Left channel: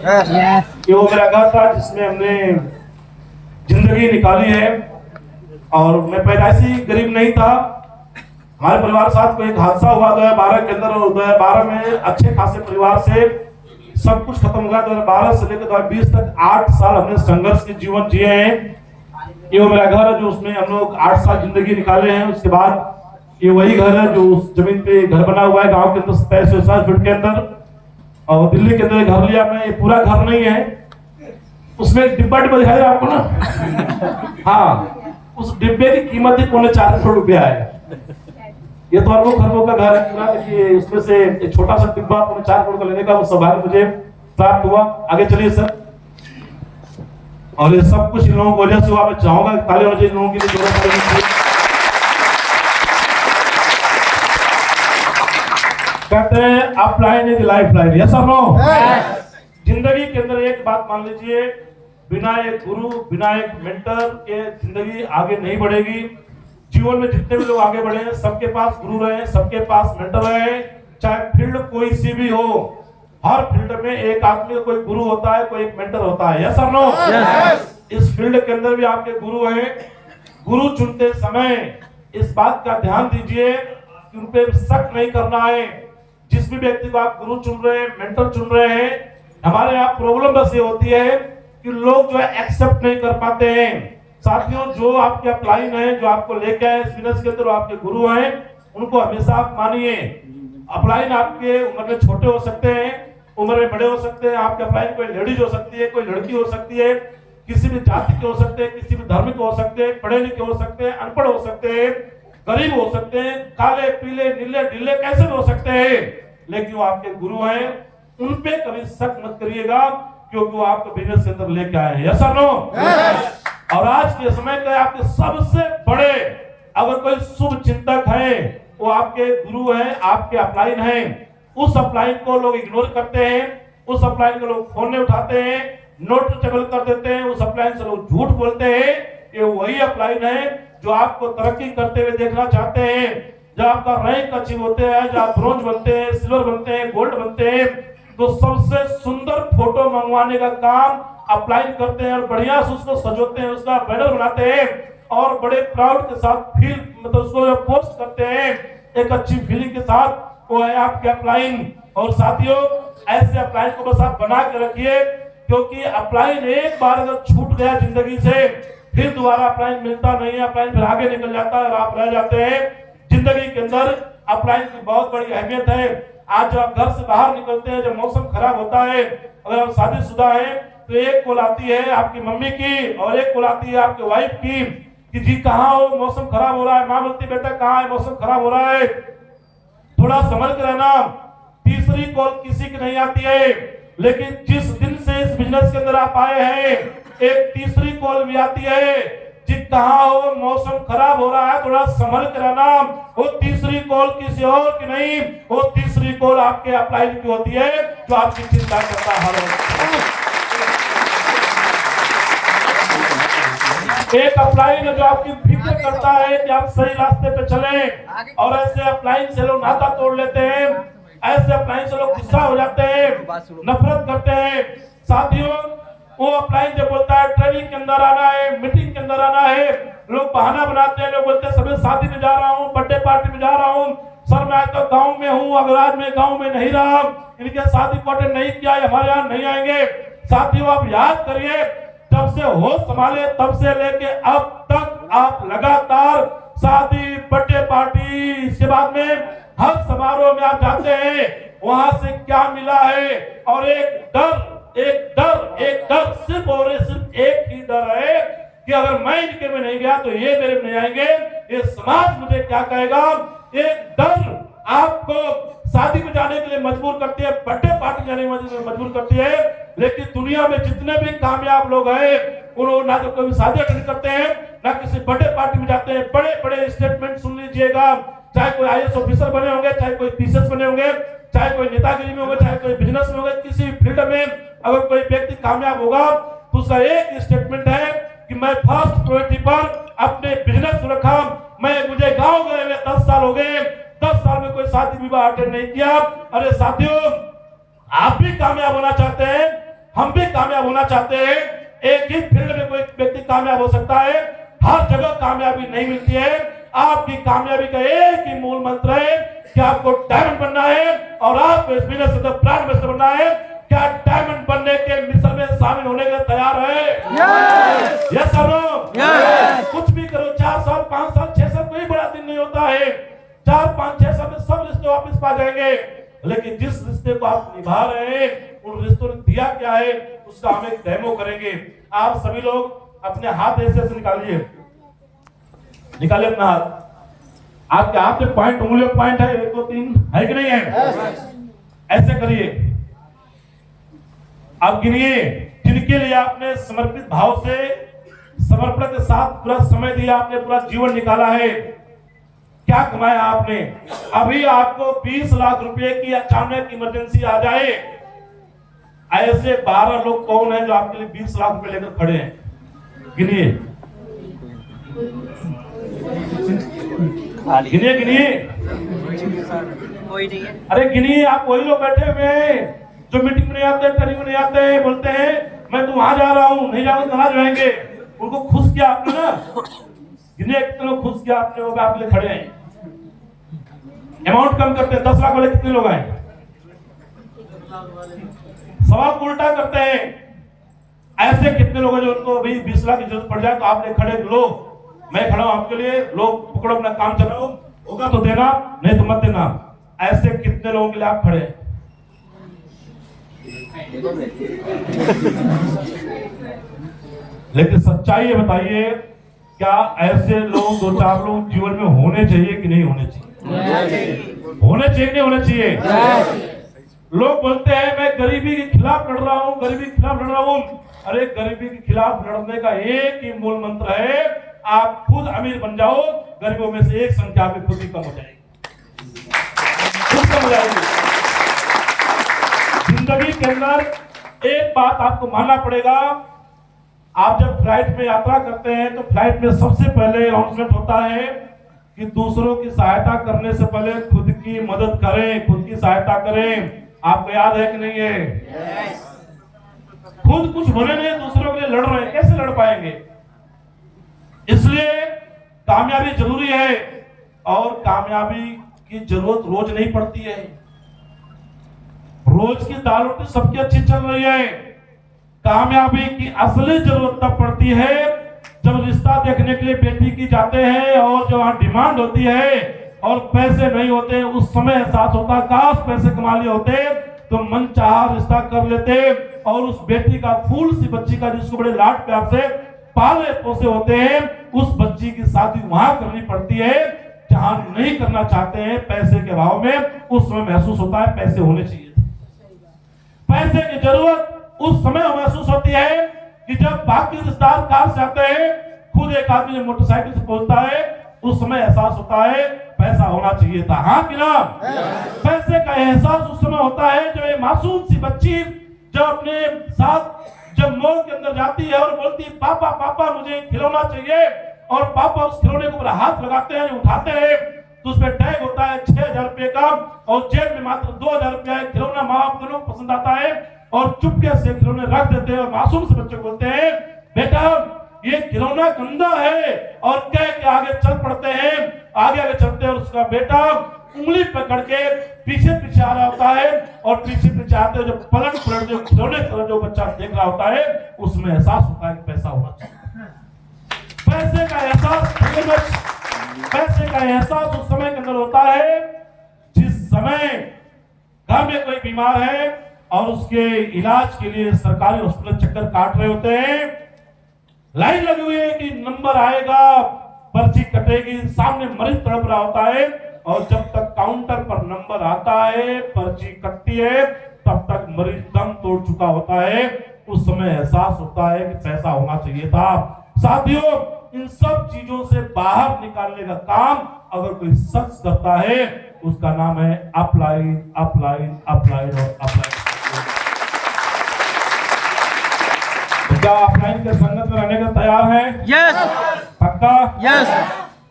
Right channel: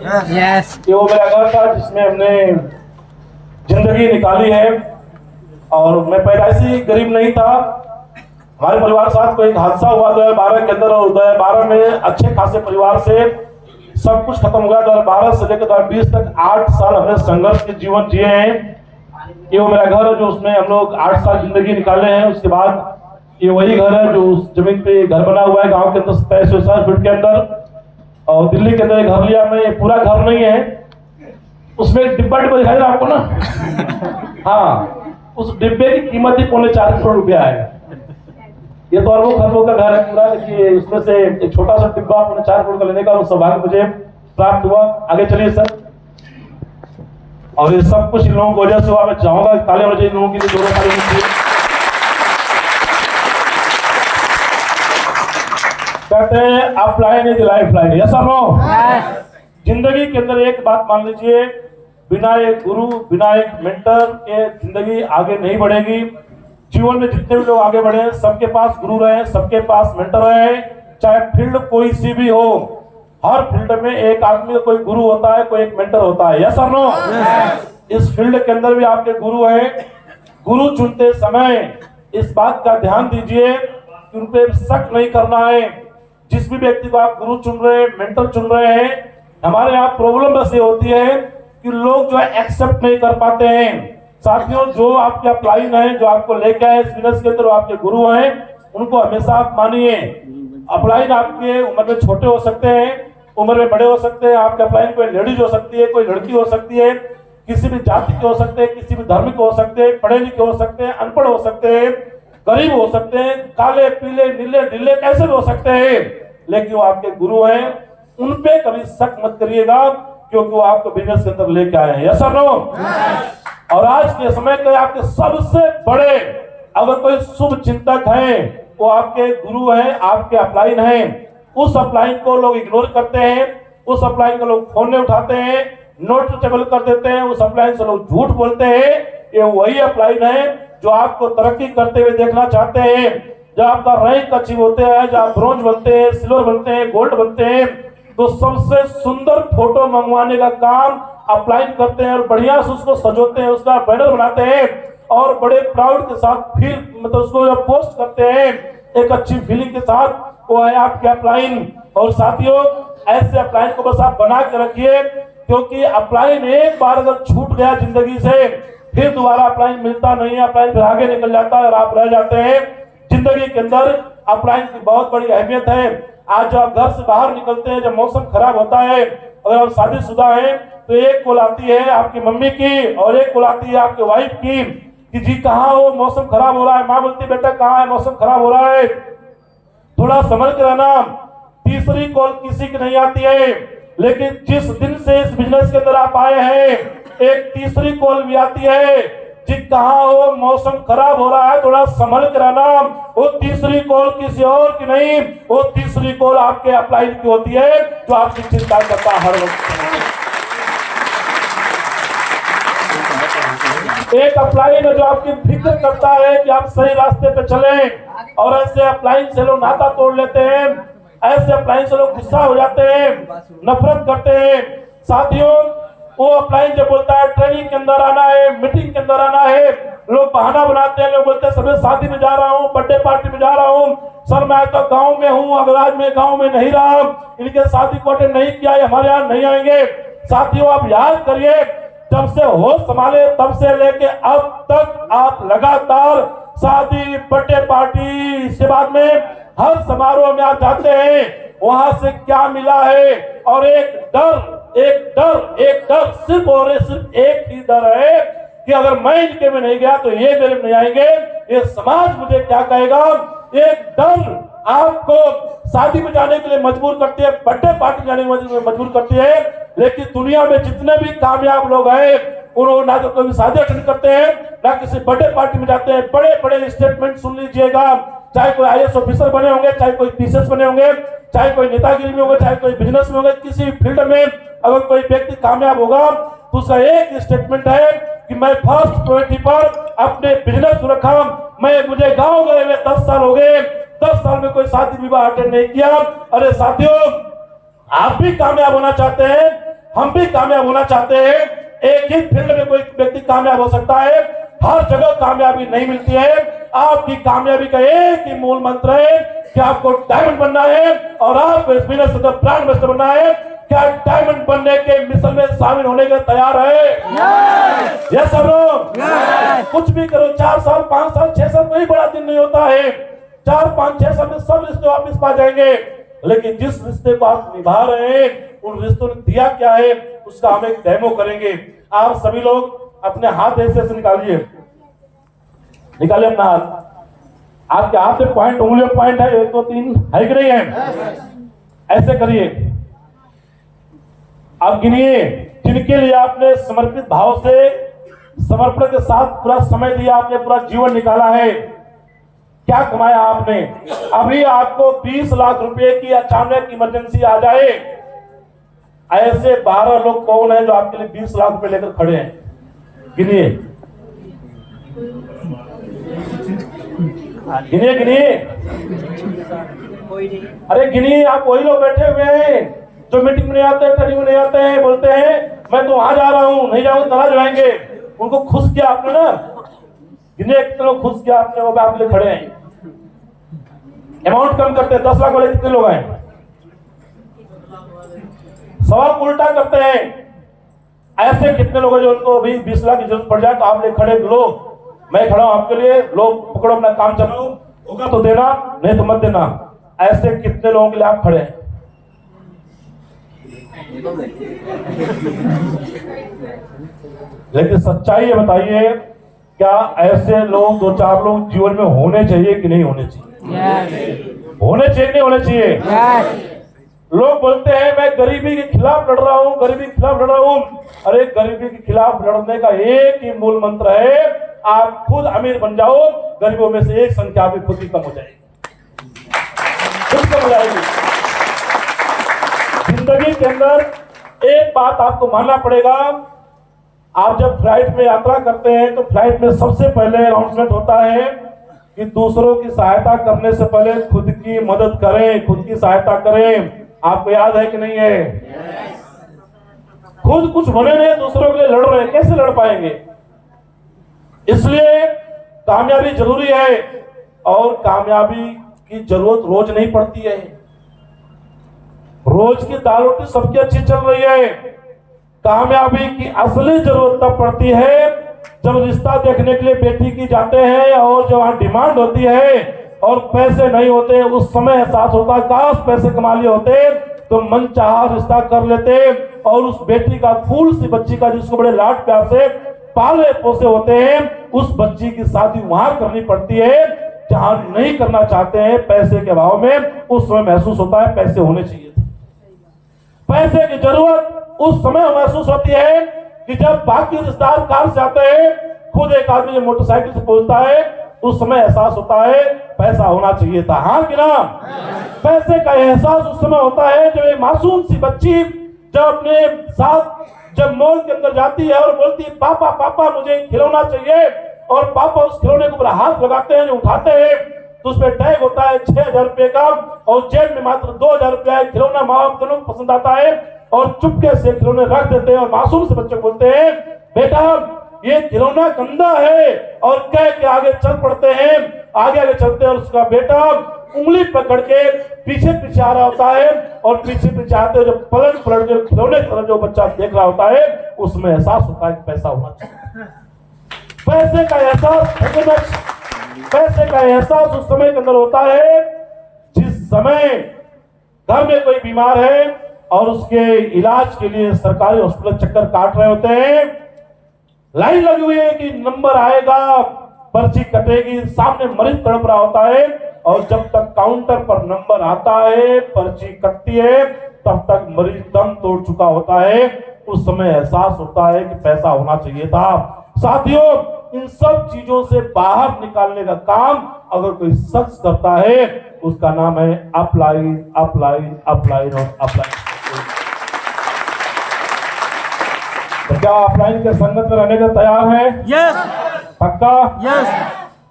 Yes. कि वो मेरा घर था जिसमें हमने जिंदगी निकाली है। और मैं पैदाइशी गरीब नहीं था, हमारे परिवार साथ कोई हादसा हुआ 2012 के अंदर, और 2012 में अच्छे खासे परिवार से सब कुछ खत्म हो गया। 2012 से लेकर 2020 तक 8 साल हमने संघर्ष के जीवन जिए हैं। ये वो मेरा घर है जो उसमें हम लोग 8 साल जिंदगी निकाले हैं। उसके बाद ये वही घर है जो उस जमीन पे घर बना हुआ है गांव के अंदर 27 फीट के अंदर, और दिल्ली के अंदर घर लिया मैं। पूरा घर नहीं है, उसमें डिब्बा दिखाई आपको ना। हाँ, उस डिब्बे की कीमत ही 4.25 करोड़ रुपया है। ये तो अरबों खरबों का घर है पूरा, लेकिन उसमें से एक छोटा सा डिब्बा 4.25 करोड़ का लेने का वो सौभाग्य मुझे प्राप्त हुआ। आगे चलिए सर। और ये सब कुछ लोगों की वजह से हुआ। मैं चाहूंगा ताली होनी चाहिए लोगों की, जोरों ताली होनी चाहिए। कहते हैं upline is life line, yes और नो? जिंदगी के अंदर एक बात मान लीजिए, बिना एक गुरु, बिना एक मेंटर के जिंदगी आगे नहीं बढ़ेगी। जीवन में जितने भी लोग आगे बढ़े हैं, सबके पास गुरु रहे, सबके पास मेंटर रहे, चाहे फील्ड कोई सी भी हो। हर फील्ड में एक आदमी का कोई गुरु होता है, कोई एक मेंटर होता है, यस और नो? इस फील्ड के अंदर भी आपके गुरु है। गुरु चुनते समय इस बात का ध्यान दीजिए कि उन पे शक नहीं करना है। जिस भी व्यक्ति को आप गुरु चुन रहे हैं, मेंटर चुन रहे हैं, हमारे यहाँ प्रॉब्लम बस ये होती है कि लोग जो है एक्सेप्ट नहीं कर पाते हैं। साथियों, जो आपके अपलाइन है, जो आपको लेके आए इस बिजनेस के अंदर, वो आपके गुरु हैं, उनको हमेशा आप मानिए। अपलाइन आपके उम्र में छोटे हो सकते हैं, उम्र में बड़े हो सकते हैं। आपके अपलाइन कोई लेडीज हो सकती है, कोई लड़की हो सकती है, किसी भी जाति के हो सकते हैं, किसी भी धर्म के हो सकते हैं, पढ़े लिखे हो सकते हैं, अनपढ़ हो सकते हैं, गरीब हो सकते हैं, काले पीले नीले ढीले कैसे भी हो सकते हैं, लेकिन वो आपके गुरु हैं। उन पे कभी शक मत करिएगा, क्योंकि वो आपको बिजनेस के अंदर लेके आए हैं, यस और नो? और आज के समय के आपके सबसे बड़े अगर कोई शुभ चिंतक है, वो आपके गुरु हैं, आपके अपलाइन हैं। उस अपलाइन को लोग इग्नोर करते हैं, उस अपलाइन को लोग फोन नहीं उठाते हैं, नोट टेबल कर देते हैं, उस अपलाइन से लोग झूठ बोलते हैं। ये वही अपलाइन है जो आपको तरक्की करते हुए देखना चाहते हैं। जब आपका रैंक अचीव होते हैं, जब आप ब्रॉन्ज बनते हैं, सिल्वर बनते हैं, गोल्ड बनते हैं, तो सबसे सुंदर फोटो मंगवाने का काम अपलाइन करते हैं और बढ़िया से उसको सजोते हैं, उसका बैनर बनाते हैं और बड़े प्राउड के साथ फील मतलब उसको पोस्ट करते हैं एक अच्छी फीलिंग के साथ। वो है आपके अपलाइन। और साथियों, ऐसे अपलाइन को बस आप बना के रखिए, क्योंकि अपलाइन एक बार अगर छूट गया जिंदगी से, फिर दोबारा अपलाइन मिलता नहीं है। अपलाइन फिर आगे निकल जाता है और आप रह जाते हैं। जिंदगी के अंदर अपलाइन की बहुत बड़ी अहमियत है। आज जब आप घर से बाहर निकलते हैं, जब मौसम खराब होता है, अगर आप शादीशुदा है तो एक कॉल आती है आपकी मम्मी की और एक कॉल आती है आपके वाइफ की कि जी कहाँ हो, मौसम खराब हो रहा है। माँ बोलती है बेटा कहाँ है, मौसम खराब हो रहा है, थोड़ा संभल के रहना। तीसरी कॉल किसी की नहीं आती है, लेकिन जिस दिन से इस बिजनेस के अंदर आप आए हैं, एक तीसरी कॉल भी आती है जी कहाँ हो, मौसम खराब हो रहा है, थोड़ा संभल के रहना। वो तीसरी कॉल किसी और की नहीं, वो तीसरी कॉल आपके अपलाइन की होती है, जो आपकी चिंता करता है हर वक्त। एक अपलाइन है जो आपकी फिक्र करता है कि आप सही रास्ते पे चलें, और ऐसे अपलाइन से लोग नाता तोड़ लेते हैं, ऐसे अपलाइन से लोग गुस्सा हो जाते हैं, नफरत करते हैं। साथियों, वो अपलाइन जो बोलता है ट्रेनिंग के अंदर आना है, मीटिंग के अंदर आना है, लोग बहाना बनाते हैं। लोग बोलते हैं सब शादी में जा रहा हूँ, बर्थडे पार्टी में जा रहा हूँ, सर मैं तो गांव में हूँ, अगर आज मैं गांव में नहीं रहा, इनके शादी को अटेंड नहीं किया, हमारे यहाँ नहीं आएंगे। साथियों, आप याद करिए, जब से होश संभाले तब से लेके अब तक आप लगातार शादी, बर्थडे पार्टी, इसके बाद में हर समारोह में आप जाते हैं, वहां से क्या मिला है? और एक डर सिर्फ और सिर्फ एक ही डर है कि अगर मैं इनके में नहीं गया तो ये मेरे में नहीं आएंगे, ये समाज मुझे क्या कहेगा। एक डर आपको शादी में जाने के लिए मजबूर करती है, बर्थडे पार्टी जाने के लिए मजबूर करती है। लेकिन दुनिया में जितने भी कामयाब लोग हैं, उन्होंने ना तो कोई शादी अटेंड करते हैं, ना किसी बर्थडे पार्टी में जाते हैं। बड़े बड़े स्टेटमेंट सुन लीजिएगा, चाहे कोई आईएएस ऑफिसर बने होंगे, चाहे कोई पीसीएस बने होंगे, चाहे कोई नेतागिरी में होगा, चाहे कोई बिजनेस में होगा, किसी भी फील्ड में अगर कोई व्यक्ति कामयाब होगा तो उसका एक स्टेटमेंट है कि मैं फर्स्ट प्रायोरिटी पर अपने बिजनेस रखा। मुझे गांव गए हुए 10 साल हो गए, 10 साल में कोई शादी विवाह अटेंड नहीं किया। अरे साथियों, आप भी कामयाब होना चाहते हैं, हम भी कामयाब होना चाहते हैं। एक ही फील्ड में कोई व्यक्ति कामयाब हो सकता है, हर जगह कामयाबी नहीं मिलती है। आपकी कामयाबी का एक ही मूल मंत्र है कि आपको डायमंड बनना है और आपको इस बिजनेस से ब्रांड एम्बेसडर बनना है। क्या डायमंड बनने के मिशन में शामिल होने के तैयार है? Yes sir. कुछ भी करो, 4 साल 5 साल 6 साल कोई बड़ा दिन नहीं होता है। 4 5 6 साल में सब रिश्ते वापिस पा जाएंगे, लेकिन जिस रिश्ते को आप निभा रहे हैं उन रिश्तों ने दिया क्या है उसका हम एक डेमो करेंगे। आप सभी लोग अपने हाथ ऐसे से निकालिए अपना हाथ। आपके हाथ में पॉइंट, उंगलियों पॉइंट है, 1 2 3 है कि नहीं है? ऐसे करिए। आप गिनिए जिनके लिए आपने समर्पित भाव से, समर्पण के साथ पूरा समय दिया, आपने पूरा जीवन निकाला है। क्या कमाया आपने? अभी आपको 20 लाख रुपए की अचानक इमरजेंसी आ जाए, ऐसे 12 लोग कौन है जो आपके लिए 20 लाख रुपए लेकर खड़े हैं? गिनिए गिनिए गिनिए। अरे गिनिए। आप वही लोग बैठे हुए हैं जो मीटिंग में नहीं आते, ट्रेनिंग में नहीं आते हैं, बोलते हैं मैं तो वहां जा रहा हूं, नहीं जाऊंगा नाराज रहेंगे। उनको खुश किया आपने ना? गिनिए कितने लोग खुश किया आपने, वो आपके लिए खड़े हैं। अमाउंट कम करते हैं, 10 लाख वाले कितने लोग आए? सवाल उल्टा करते हैं। ऐसे कितने लोग हैं जो उनको अभी 20 लाख की जरूरत पड़ जाए तो आप ले खड़े, लो मैं खड़ा हूं आपके लिए, लोग पकड़ो अपना काम चलाओ, होगा तो देना नहीं तो मत देना। ऐसे कितने लोगों के लिए आप खड़े हैं? लेकिन सच्चाई बताइए, क्या ऐसे लोग 2-4 लोग जीवन में होने चाहिए कि नहीं होने चाहिए? होने चाहिए कि नहीं होने चाहिए? लोग बोलते हैं मैं गरीबी के खिलाफ लड़ रहा हूं, गरीबी के खिलाफ लड़ रहा हूं। अरे गरीबी के खिलाफ लड़ने का एक ही मूल मंत्र है, आप खुद अमीर बन जाओ, गरीबों में से एक संख्या भी खुद ही कम हो जाएगी, खुद कम हो जाएगी। जिंदगी के अंदर एक बात आपको मानना पड़ेगा, आप जब फ्लाइट में यात्रा करते हैं तो फ्लाइट में सबसे पहले अनाउंसमेंट होता है कि दूसरों की सहायता करने से पहले खुद की मदद करें, खुद की सहायता करें। आपको याद है कि नहीं है? खुद कुछ बने नहीं, दूसरों के लिए लड़ रहे हैं, कैसे लड़ पाएंगे? इसलिए कामयाबी जरूरी है, और कामयाबी की जरूरत रोज नहीं पड़ती है। रोज की दाल रोटी सबकी अच्छी चल रही है। कामयाबी की असली जरूरत तब पड़ती है जब रिश्ता देखने के लिए बेटी की जाते हैं और जब वहां डिमांड होती है और पैसे नहीं होते, उस समय एहसास होता है काश पैसे कमा लिए होते तो मन चाहा रिश्ता कर लेते, और उस बेटी का फूल सी बच्ची का जिसको बड़े लाड प्यार से पाले पोसे होते हैं, उस बच्ची की शादी वहां करनी पड़ती है जहां नहीं करना चाहते हैं पैसे के अभाव में। उस समय महसूस होता है पैसे होने चाहिए। पैसे की जरूरत उस समय महसूस होती है कि जब बाकी रिश्तेदार कार से आते हैं, खुद एक आदमी जब मोटरसाइकिल से पहुंचता है, उस समय एहसास होता है पैसा होना चाहिए था। हाँ कि ना? पैसे का एहसास उस समय होता है जब एक मासूम सी बच्ची जब अपने साथ जब मॉल के अंदर जाती है और बोलती है पापा पापा मुझे खिलौना चाहिए, और पापा उस खिलौने के ऊपर हाथ लगाते हैं, उठाते हैं, तो उसमें टैग होता है 6,000 रुपए का, और जेब में मात्र 2,000 रुपया है। खिलौना माँ बाप दोनों को पसंद आता है और चुपके से खिलौने रख देते हैं और मासूम से बच्चे बोलते हैं बेटा ये खिलौना गंदा है, और कह के आगे चल पड़ते हैं। आगे आगे चलते हैं और उसका बेटा उंगली पकड़ के पीछे पीछे आ रहा होता है, और पीछे पीछे आते जब पलट जो खिलौने की तरफ जो बच्चा देख रहा होता है, उसमें एहसास होता है कि पैसा होना चाहिए। पैसे का एहसास, पैसे का एहसास उस समय के अंदर होता है जिस समय घर में कोई बीमार है और उसके इलाज के लिए सरकारी हॉस्पिटल चक्कर काट रहे होते हैं, लाइन लगी हुई है कि नंबर आएगा, पर्ची कटेगी, सामने मरीज तड़प रहा होता है, और जब तक काउंटर पर नंबर आता है, पर्ची कटती है, तब तक मरीज दम तोड़ चुका होता है। उस समय एहसास होता है कि पैसा होना चाहिए था। साथियों, इन सब चीजों से बाहर निकालने का काम अगर कोई शख्स करता है, उसका नाम है अपलाइन, अपलाइन, अपलाइन और अपलाइन। क्या अपलाइन के संगत में रहने का तैयार है? यस। पक्का? यस।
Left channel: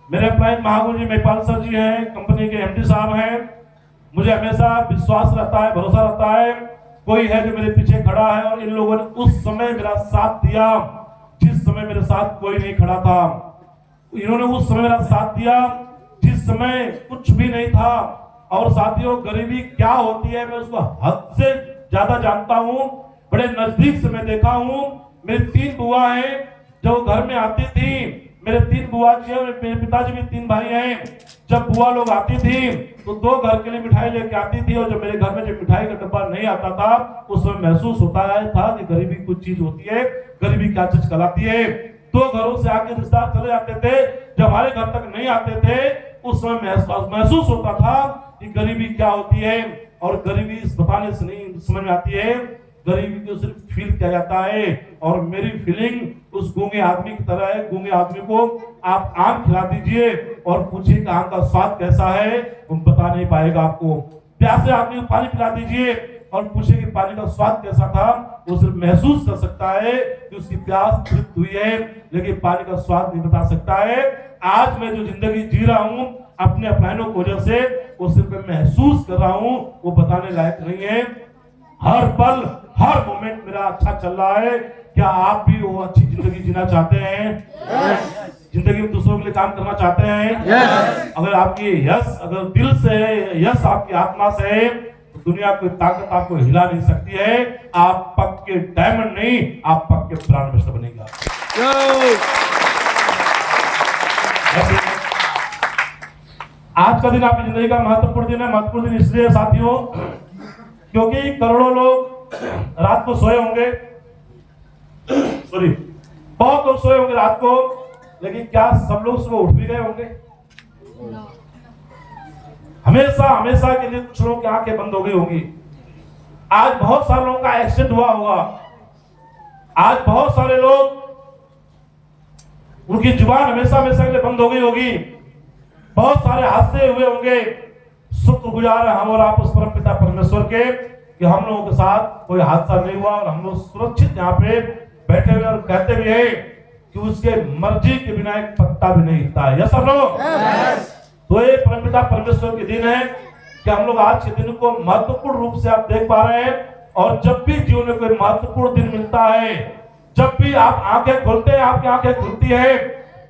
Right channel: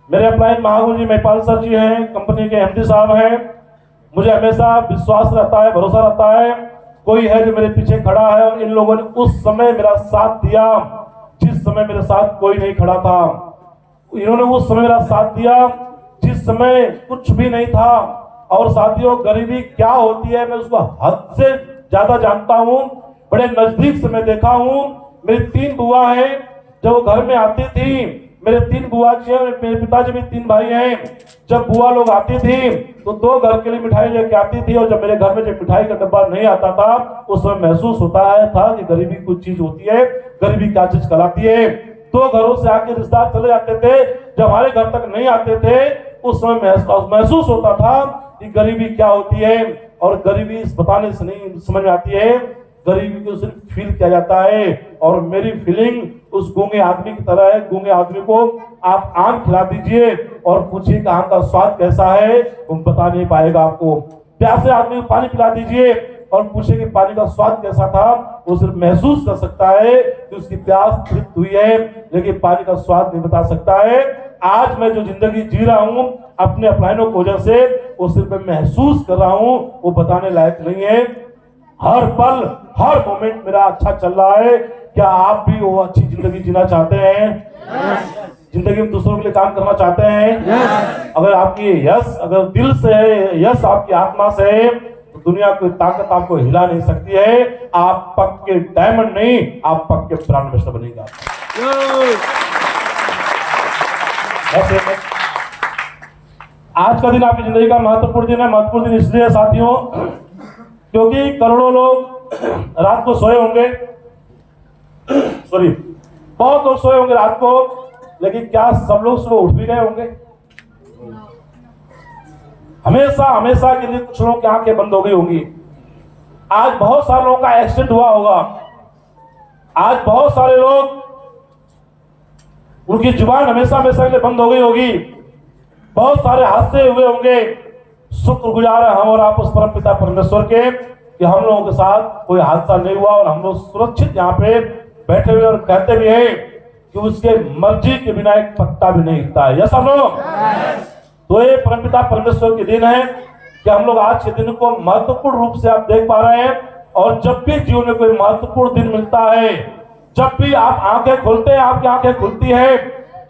मेरे अपलाइन महागुरु जी महिपाल सर जी हैं, कंपनी के एमडी साहब हैं। मुझे हमेशा विश्वास रहता है, भरोसा रहता है, कोई है जो मेरे पीछे खड़ा है और इन लोगों ने उस समय मेरा साथ दिया जिस समय मेरे साथ कोई नहीं खड़ा था। इन्होंने उस समय मेरा साथ दिया जिस समय कुछ भी नहीं था। और साथियों, गरीबी क्या होती है मैं उसको हद से ज्यादा जानता हूँ, बड़े नजदीक से मैं देखा हूँ। मेरी 3 बुआ हैं जो घर में आती थी, मेरे 3 बुआ जी और मेरे पिताजी भी 3 भाई हैं। जब बुआ लोग आती थी तो 2 घर के लिए मिठाई लेके आती थी, और जब मेरे घर में जब मिठाई का डब्बा नहीं आता था उस समय महसूस होता था कि गरीबी कुछ चीज होती है, गरीबी क्या चीज कहलाती है। 2 घरों से आके रिश्तेदार चले जाते थे, जब हमारे घर तक नहीं आते थे उस समय महसूस होता था कि गरीबी क्या होती है। और गरीबी बताने से नहीं समझ में आती है, गरीबी को सिर्फ फील किया जाता है। और मेरी फीलिंग उस गूंगे आदमी की तरह है। गूंगे आदमी को आप आम खिला दीजिए और पूछिए कि आम का स्वाद कैसा है, वो बता नहीं पाएगा आपको। प्यासे आदमी को पानी पिला दीजिए और पूछिए कि पानी का स्वाद कैसा था, वो सिर्फ महसूस कर सकता है कि उसकी प्यास तृप्त हुई है, लेकिन पानी का स्वाद नहीं बता सकता है। आज मैं जो जिंदगी जी रहा हूँ अपने अपलाइनों की वजह से, वो सिर्फ मैं महसूस कर रहा हूँ, वो बताने लायक नहीं है। हर पल हर मोमेंट मेरा अच्छा चल रहा है। क्या आप भी वो अच्छी जिंदगी जीना चाहते हैं? जिंदगी में दूसरों के लिए काम करना चाहते हैं? अगर आपकी यस अगर दिल से है, यस आपकी आत्मा से है, तो दुनिया की ताकत आपको हिला नहीं सकती है। आप पक्के डायमंड नहीं, आप पक्के ब्रांड एम्बेसडर बनेगा। आज का दिन आपकी जिंदगी का महत्वपूर्ण दिन है। महत्वपूर्ण दिन इसलिए साथियों क्योंकि करोड़ों लोग रात को सोए होंगे, सॉरी बहुत लोग सोए होंगे रात को, लेकिन क्या सब लोग सुबह उठ भी गए होंगे? हमेशा हमेशा के लिए कुछ लोगों की आंखें बंद हो गई होंगी। आज बहुत सारे लोगों का एक्सीडेंट हुआ होगा। आज बहुत सारे लोग उनकी जुबान हमेशा हमेशा के लिए बंद हो गई होगी। बहुत सारे हादसे हुए होंगे। शुक्रगुजार है हम और आप उस परम पिता परमेश्वर के कि हम लोगों के साथ कोई हादसा नहीं हुआ और हम लोग सुरक्षित यहाँ पे बैठे हुए और कहते भी हैं कि उसके मर्जी के बिना एक पत्ता भी नहीं हिलता है। ये सब लोग तो ये परम पिता परमेश्वर के दिन है कि हम लोग आज के दिन को महत्वपूर्ण रूप से आप देख पा रहे हैं। और जब भी जीवन में कोई महत्वपूर्ण दिन मिलता है, जब भी आप आंखें खोलते हैं, आपकी आंखें खुलती है,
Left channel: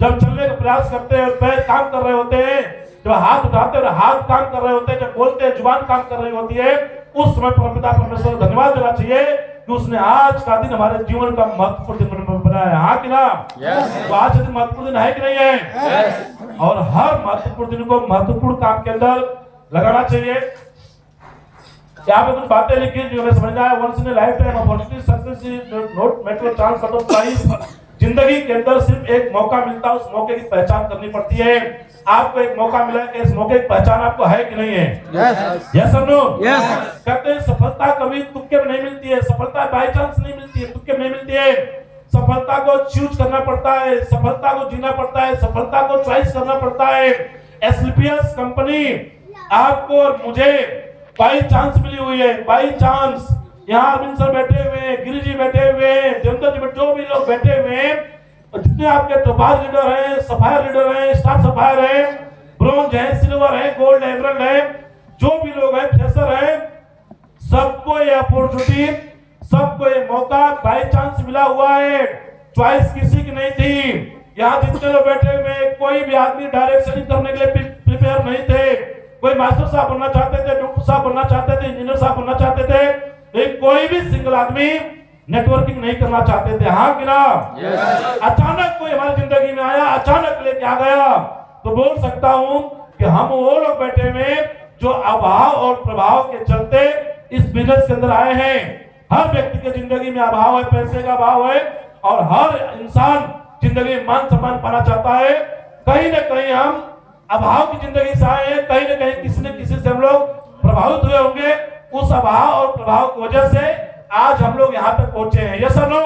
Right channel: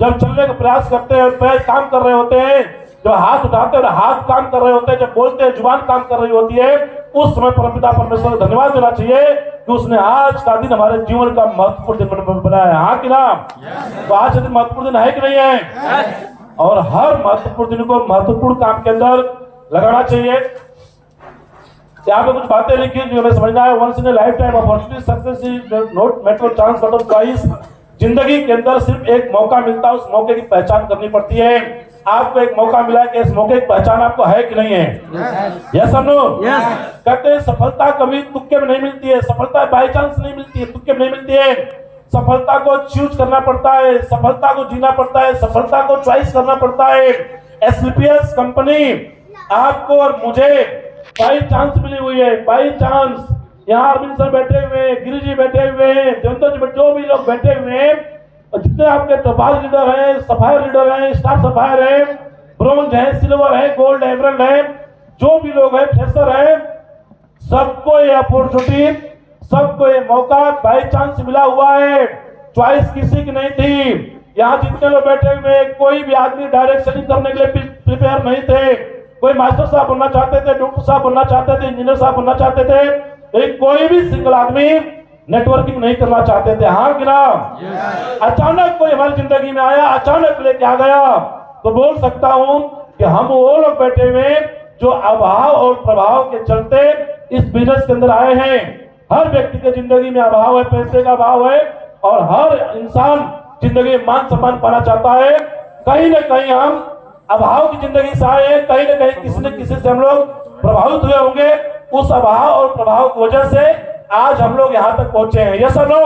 जब चलने का प्रयास करते हैं पैर काम कर रहे होते हैं, जब हाथ उठाते हैं हाथ काम कर रहे होते हैं, जब बोलते हैं जुबान काम कर रही होती है, उस समय परमपिता परमेश्वर को धन्यवाद देना चाहिए कि उसने आज का दिन हमारे जीवन का महत्वपूर्ण दिन बनाया। हाँ कि ना? तो आज का दिन महत्वपूर्ण दिन है कि नहीं है? और हर महत्वपूर्ण दिन को महत्वपूर्ण काम के अंदर लगाना चाहिए। यहाँ पे कुछ बातें लिखी जो हमें समझना है। Once in a lifetime opportunity success is not matter chance but price. जिंदगी के अंदर सिर्फ एक मौका मिलता है, उस मौके की पहचान करनी पड़ती है। आपको एक मौका मिला कि इस मौके की पहचान आपको है कि नहीं है? यस और नो? कहते हैं सफलता कभी तुक्के में नहीं मिलती है, सफलता बाय चांस नहीं मिलती है, तुक्के में नहीं मिलती है। सफलता को चूज करना पड़ता है, सफलता को जीना पड़ता है, सफलता को चॉइस करना पड़ता है। एसलीपीएस कंपनी आपको और मुझे बाई चांस मिली हुई है, बाई चांस। यहाँ अरविंद सर बैठे हुए, गिरी जी बैठे हुए, जनता जी, जो भी लोग बैठे हुए हैं, जितने आपके टपाल लीडर हैं, सफायर लीडर हैं, स्टार सफायर हैं, ब्रोंज है, सिल्वर है, गोल्ड एमरल्ड है, जो भी लोग हैं, फ्रेशर है, सबको ये अपॉर्चुनिटी, सबको ये मौका बाई चांस मिला हुआ है। चॉइस किसी की नहीं थी। यहाँ जितने लोग बैठे हुए कोई भी आदमी डायरेक्ट सेलिंग करने के लिए प्रिपेयर नहीं थे। कोई मास्टर साहब बनना चाहते थे, डॉक्टर साहब बनना चाहते थे, इंजीनियर साहब बनना चाहते थे, लेकिन कोई भी सिंगल आदमी नेटवर्किंग नहीं करना चाहते थे। हाँ कि ना? अचानक कोई हमारी जिंदगी में आया, अचानक लेके आ गया, तो बोल सकता हूं कि हम वो लोग बैठे हुए जो अभाव और प्रभाव के चलते इस बिजनेस के अंदर आए हैं। हर व्यक्ति की जिंदगी में अभाव है, पैसे का अभाव है, और हर इंसान जिंदगी में मान सम्मान पाना चाहता है। कहीं ना कहीं हम अभाव की जिंदगी से आए हैं, कहीं ना कहीं किसी न किसी से हम लोग प्रभावित हुए होंगे। उस अभाव और प्रभाव की वजह से आज हम लोग यहाँ तक पहुंचे हैं। यस और नो?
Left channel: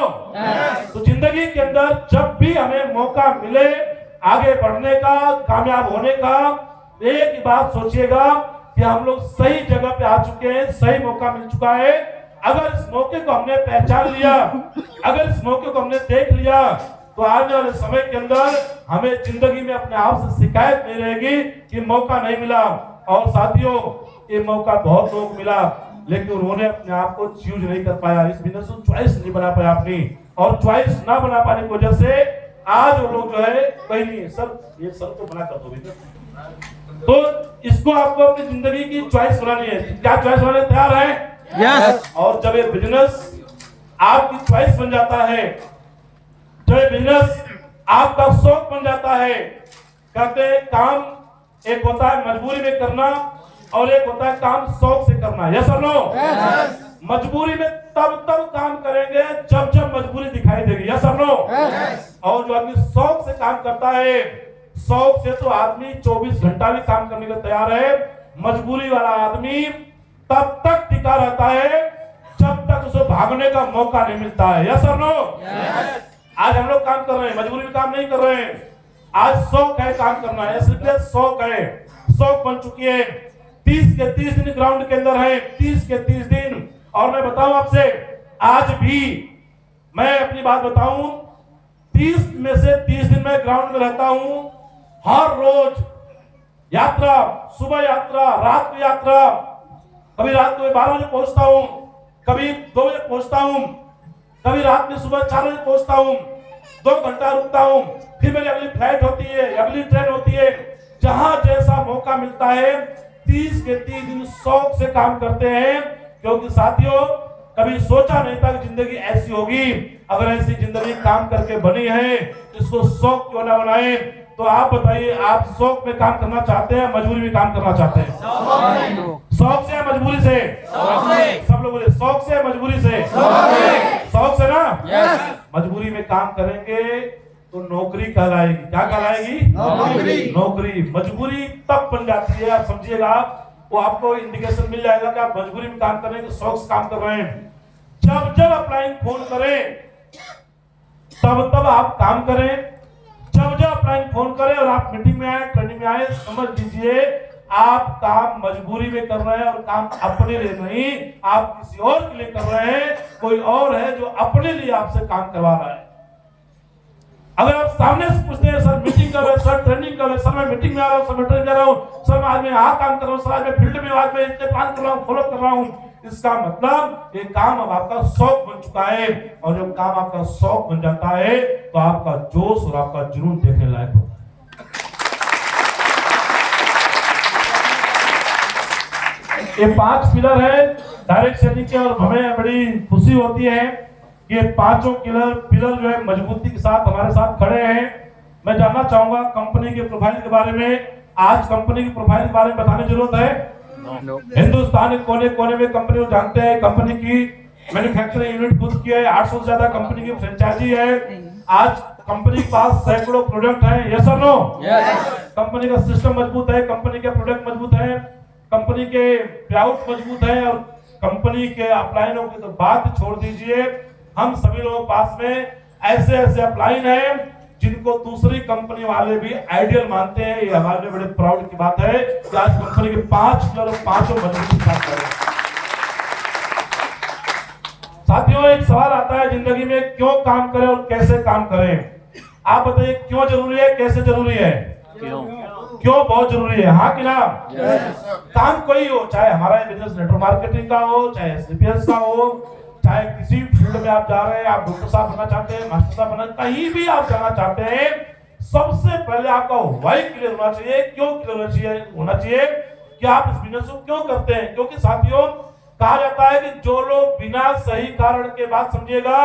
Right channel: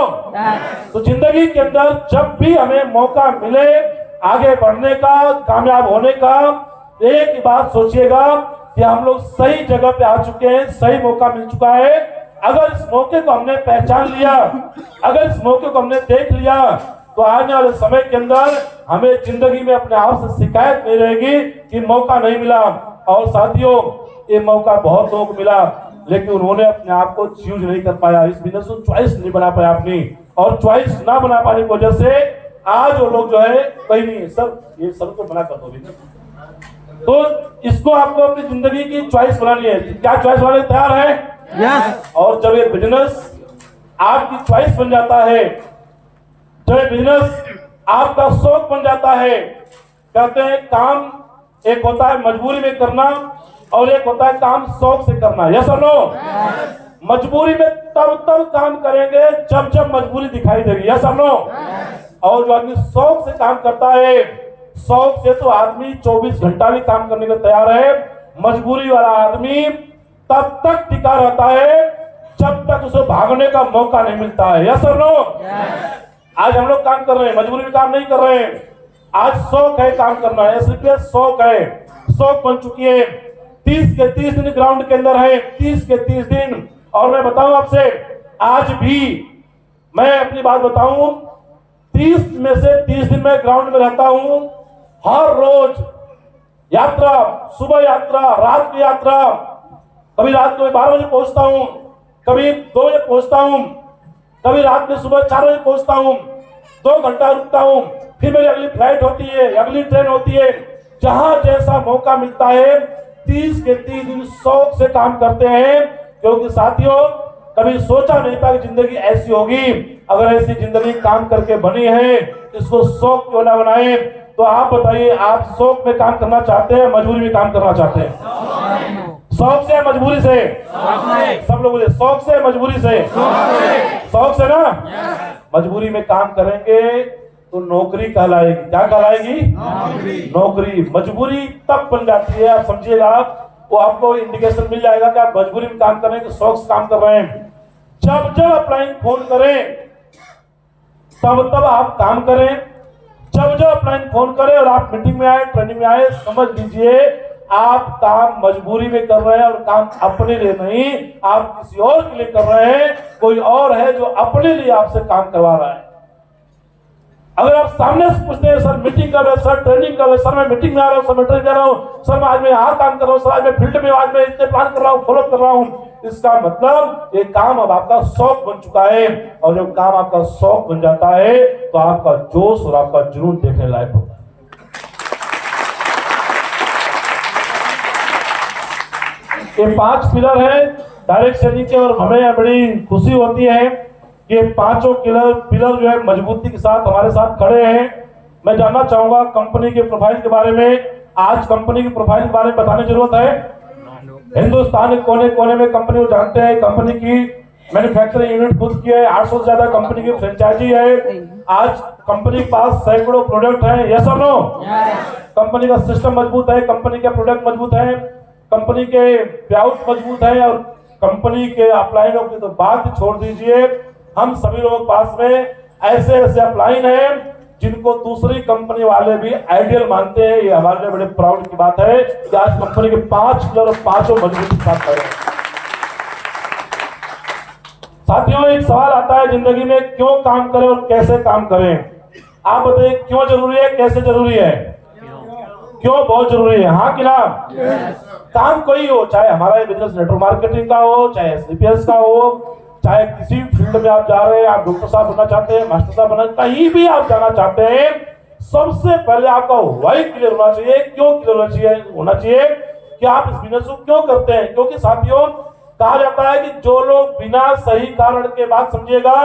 तो जिंदगी के अंदर जब भी हमें मौका मिले आगे बढ़ने का, कामयाब होने का, एक ही बात सोचिएगा कि हम लोग सही जगह पे आ चुके हैं, सही मौका मिल चुका है। अगर इस मौके को हमने पहचान लिया, अगर इस मौके को हमने देख लिया, तो आने वाले समय के अंदर हमें जिंदगी में अपने आप से शिकायत नहीं रहेगी कि मौका नहीं मिला। और साथियों, ये मौका बहुत लोगों को मिला। लेकिन उन्होंने अपने आप को चूज नहीं कर पाया, इस बिजनेस को चॉइस नहीं बना पाया अपनी, और चॉइस ना बना पाने की वजह से आज वो लोग जो है कहीं नहीं। सर ये सर को मना कर दो भी, तो इसको आपको अपनी जिंदगी की चॉइस बनानी है। क्या चॉइस बनाने तैयार है? यस। और जब ये बिजनेस आपकी चॉइस बन जाता है, जब ये बिजनेस आपका शौक बन जाता है, कहते हैं काम एक होता है मजबूरी में करना और एक होता है काम शौक से करना। यस और नो? मजबूरी में तब काम करेंगे जब जब मजबूरी दिखाई देगी। यस और नो? और जो आदमी शौक से काम करता है, शौक से तो आदमी 24 घंटा भी काम करने को तैयार है। मजबूरी वाला आदमी तब तक टिका रहता है जब तक उसे भागने का मौका नहीं मिलता है। यस और नो? आज हम लोग काम कर रहे हैं, मजबूरी में काम नहीं कर रहे हैं। आज शौक है काम करना है, इसलिए शौक है, शौक बन चुकी है। 30 के 30 दिन ग्राउंड के अंदर है, 30 के 30 दिन। और मैं बताऊं आपसे, आज भी मैं अपनी बात बताऊं, 30 में से 30 दिन में ग्राउंड में रहता हूं। हर रोज यात्रा, सुबह यात्रा, रात की यात्रा, कभी रात को 12 बजे पहुंचता हूं, कभी 2 बजे पहुंचता हूं, कभी रात में सुबह 4 बजे पहुंचता हूं, 2 घंटा रुकता हूं, फिर मेरी अगली फ्लाइट होती है, अगली ट्रेन होती है। जहां जैसा मौका मिलता है 30 के 30 दिन शौक से काम करते हैं, क्योंकि साथियों कभी सोचा नहीं था कि जिंदगी ऐसी होगी। अगर ऐसी जिंदगी काम करके बनी है, इसको शौक क्यों ना बनाए? तो आप बताइए, आप शौक में काम करना चाहते हैं, मजबूरी में काम करना चाहते हैं? शौक से, मजबूरी से? सब लोग बोले शौक से, मजबूरी से? शौक से ना? मजबूरी में काम करेंगे तो नौकरी कहलाएगी। क्या कहलाएगी? नौकरी। मजबूरी तब बन जाती है, आप समझिएगा, वो आपको इंडिकेशन मिल जाएगा कि आप मजबूरी में काम कर रहे हैं कि शौक से काम कर रहे हैं। जब जब अपलाइन फोन करें तब आप काम करें, जब जब अपलाइन फोन करें और आप मीटिंग में आए, ट्रेनिंग में आए, समझ लीजिए आप काम मजबूरी में कर रहे हैं और काम अपने लिए नहीं, आप किसी और के लिए कर रहे हैं। कोई और है जो अपने लिए आपसे काम करवा रहा है। अगर आप सामने से पूछते हैं, सर मीटिंग कर रहे हैं, सर ट्रेनिंग कर रहे हैं, सर मैं मीटिंग में आ रहा हूँ, सर मैं ट्रेनिंग कर रहा हूँ, सर आज मैं यहाँ काम कर रहा हूँ, सर आज मैं फील्ड में, आज मैं इतने प्लान कर रहा हूँ, फॉलो कर रहा हूँ, इसका मतलब ये काम अब आपका शौक बन चुका है। और जब काम आपका शौक बन जाता है तो आपका जोश और आपका जुनून देखने लायक होता है। ये 5 पिलर है डायरेक्ट सेलिंग के, और हमें बड़ी खुशी होती है कि 5 पिलर जो है मजबूती के साथ हमारे साथ खड़े हैं। मैं जानना चाहूंगा कंपनी के प्रोफाइल के बारे में। आज कंपनी की प्रोफाइल के बारे में बताने की जरूरत है? हिंदुस्तान के कोने कोने में कंपनी को जानते हैं। कंपनी की मैन्युफैक्चरिंग यूनिट खुद की है, 800 से ज्यादा कंपनी की फ्रेंचाइजी है। आज कंपनी के पास सैकड़ों प्रोडक्ट है। यस और नो? कंपनी का सिस्टम मजबूत है, कंपनी के प्रोडक्ट मजबूत है, कंपनी के पेआउट मजबूत है, और कंपनी के अपलाइनों की तो बात छोड़ दीजिए। हम सभी लोगों के पास में ऐसे ऐसे अपलाइन है जिनको दूसरी कंपनी वाले भी आइडियल मानते हैं। ये हमारे लिए बड़े प्राउड की बात है कि आज कंपनी के 5 पिलर और 5 मजबूती के साथ खड़े हैं। साथियों, एक सवाल आता है जिंदगी में, क्यों काम करें और कैसे काम करें? आप बताइए, क्यों जरूरी है, कैसे जरूरी है? क्यों बहुत जरूरी है? हाँ कि ना? काम कोई हो, चाहे हमारा बिजनेस नेटवर्क मार्केटिंग का हो, चाहे SCPS का हो, चाहे किसी फील्ड में आप जा रहे हैं, आप डॉक्टर साहब बनना चाहते हैं, मास्टर साहब बनना, कहीं भी आप जाना चाहते हैं, सबसे पहले आपका व्हाई क्लियर होना चाहिए। क्यों क्लियर होना चाहिए कि आप इस बिजनेस को क्यों करते हैं? क्योंकि साथियों कहा जाता है कि जो लोग बिना सही कारण के, बात समझिएगा,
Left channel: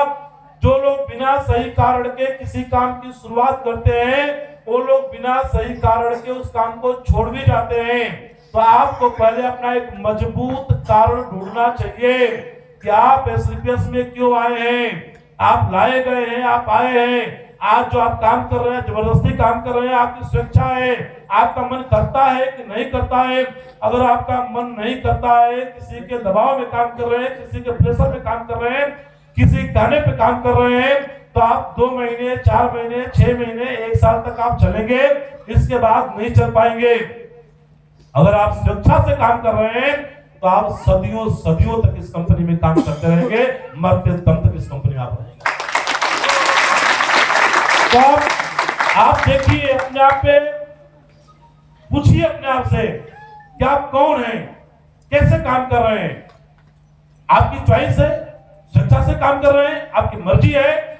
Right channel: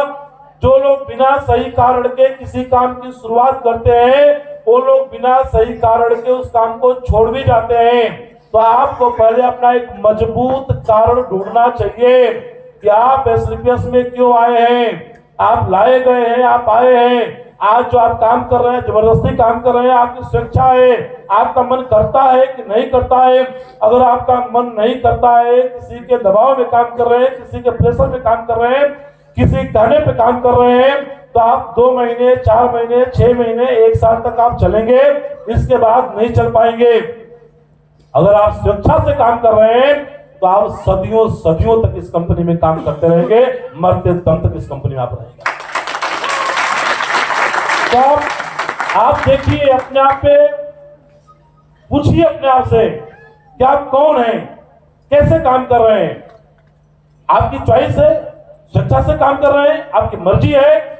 जो लोग बिना सही कारण के किसी काम की शुरुआत करते हैं, वो लोग बिना सही कारण के उस काम को छोड़ भी जाते हैं। तो आपको पहले अपना एक मजबूत कारण ढूंढना चाहिए कि आप SCPS में क्यों आए हैं, आप लाए गए हैं, आप आए हैं। आज जो आप काम कर रहे हैं, जबरदस्ती काम कर रहे हैं, आपकी स्वेच्छा है, आपका मन करता है कि नहीं करता है? अगर आपका मन नहीं करता है, किसी के दबाव में काम कर रहे हैं, किसी के प्रेशर में काम कर रहे हैं, किसी कहने पे काम कर रहे हैं, तो आप 2 महीने, 4 महीने, 6 महीने, 1 साल तक आप चलेंगे, इसके बाद नहीं चल पाएंगे। अगर आप स्वेच्छा से काम कर रहे हैं तो आप सदियों सदियों तक इस कंपनी में काम करते रहेंगे, मरते दम तक इस कंपनी में आप रहेंगे। तो आप देखिए, अपने आप पे पूछिए, अपने आप से कि आप कौन हैं, कैसे काम कर रहे हैं। आपकी चॉइस है, स्वेच्छा से काम कर रहे हैं, आपकी मर्जी है।